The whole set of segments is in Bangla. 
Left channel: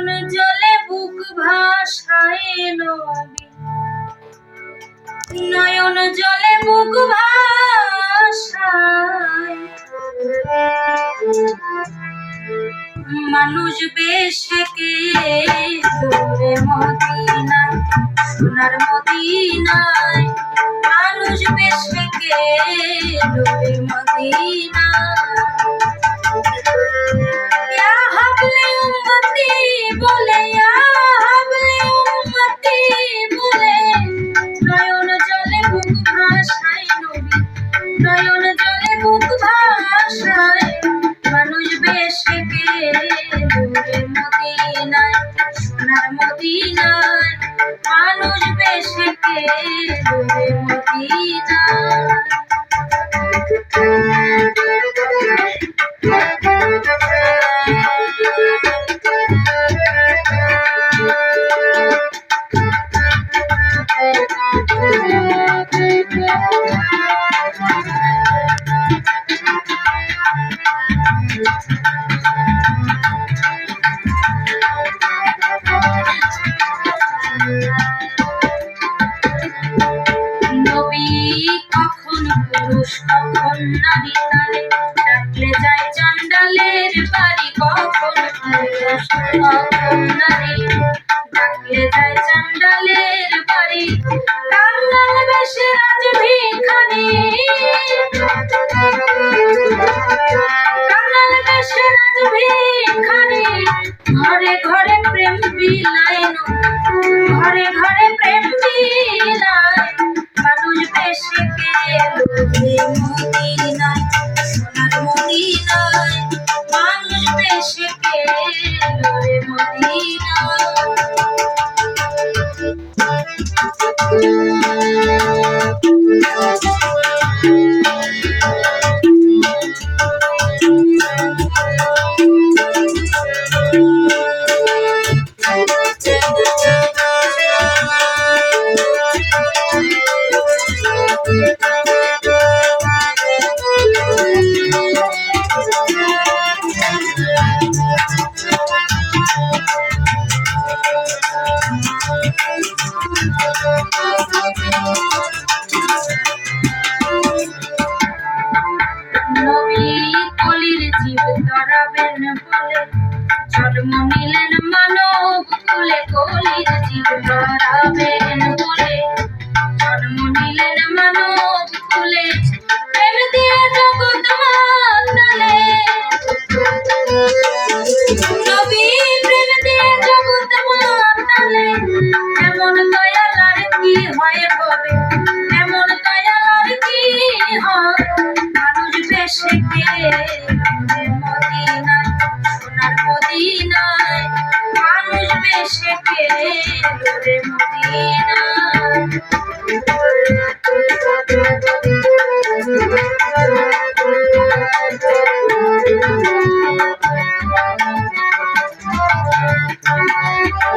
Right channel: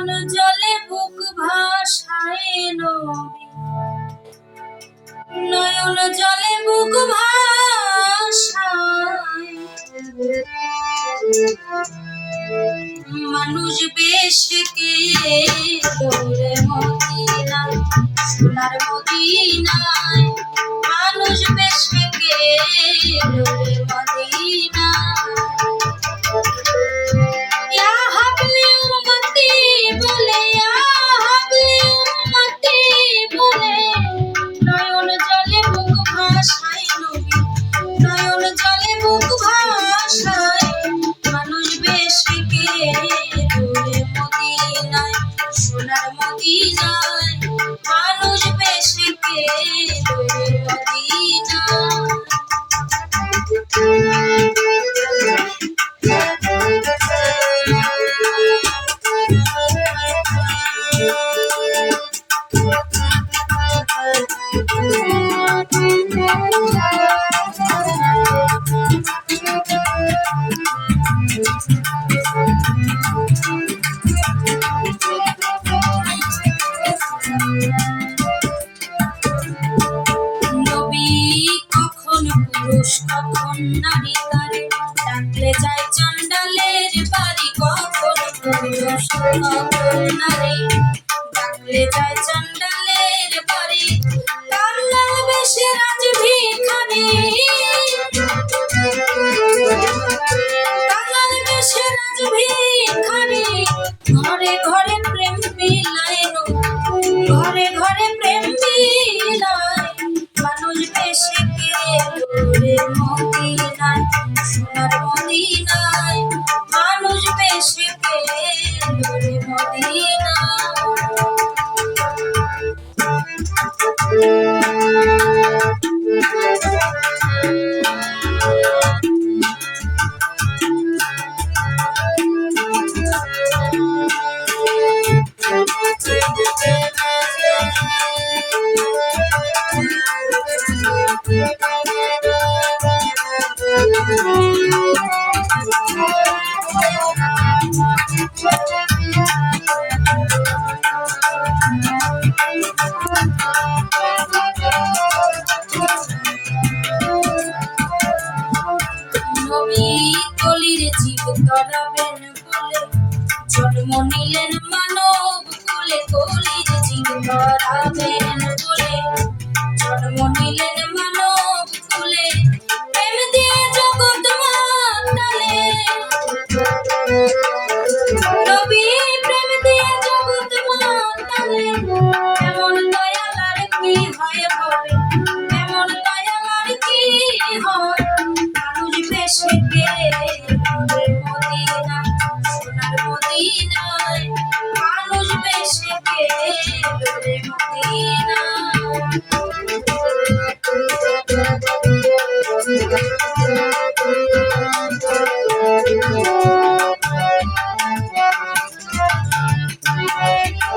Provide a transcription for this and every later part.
মন জলে বুক ভাসায় নবী। নয়ন জলে বুক ভাসায়। মানুষ বেশকে মতি মদিনায়, সোনার মদিনায়। মানুষ বেশ বেশকে মতি মদিনায়। বেশকে দূরে পুরুষ কখন নারী তারে ডাকলে যায় চন্ডালের বাড়ি কখন? পুরুষ কখন নারী ডাকলে যায় চন্ডালের বাড়ি কাঙ্গাল বেশে রাজ ভিখারি? কাঙ্গাল বেশে রাজ ভিখারি? দূরে কলির জীব তরাবেন বলে। জন্ম নিলেন মানব কুলে কলির জীব তরাবেন বলে। জন্ম নিলেন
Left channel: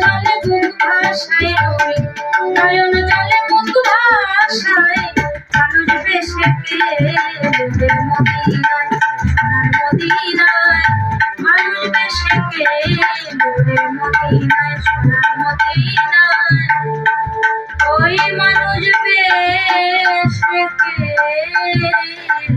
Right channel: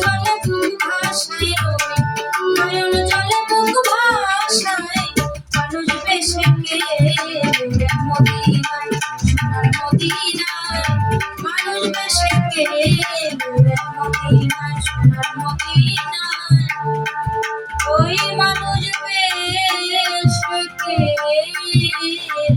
জলে বুক ভাসায় নবী নয়ন জলে বুক ভাসায়। মানুষ বেশে কে মদিনায়, সোনার মদিনায়। মানুষ বেশে কে মদিনায়, সোনার মদিনায়। ওই মানুষ বেশে কে মদিনায়?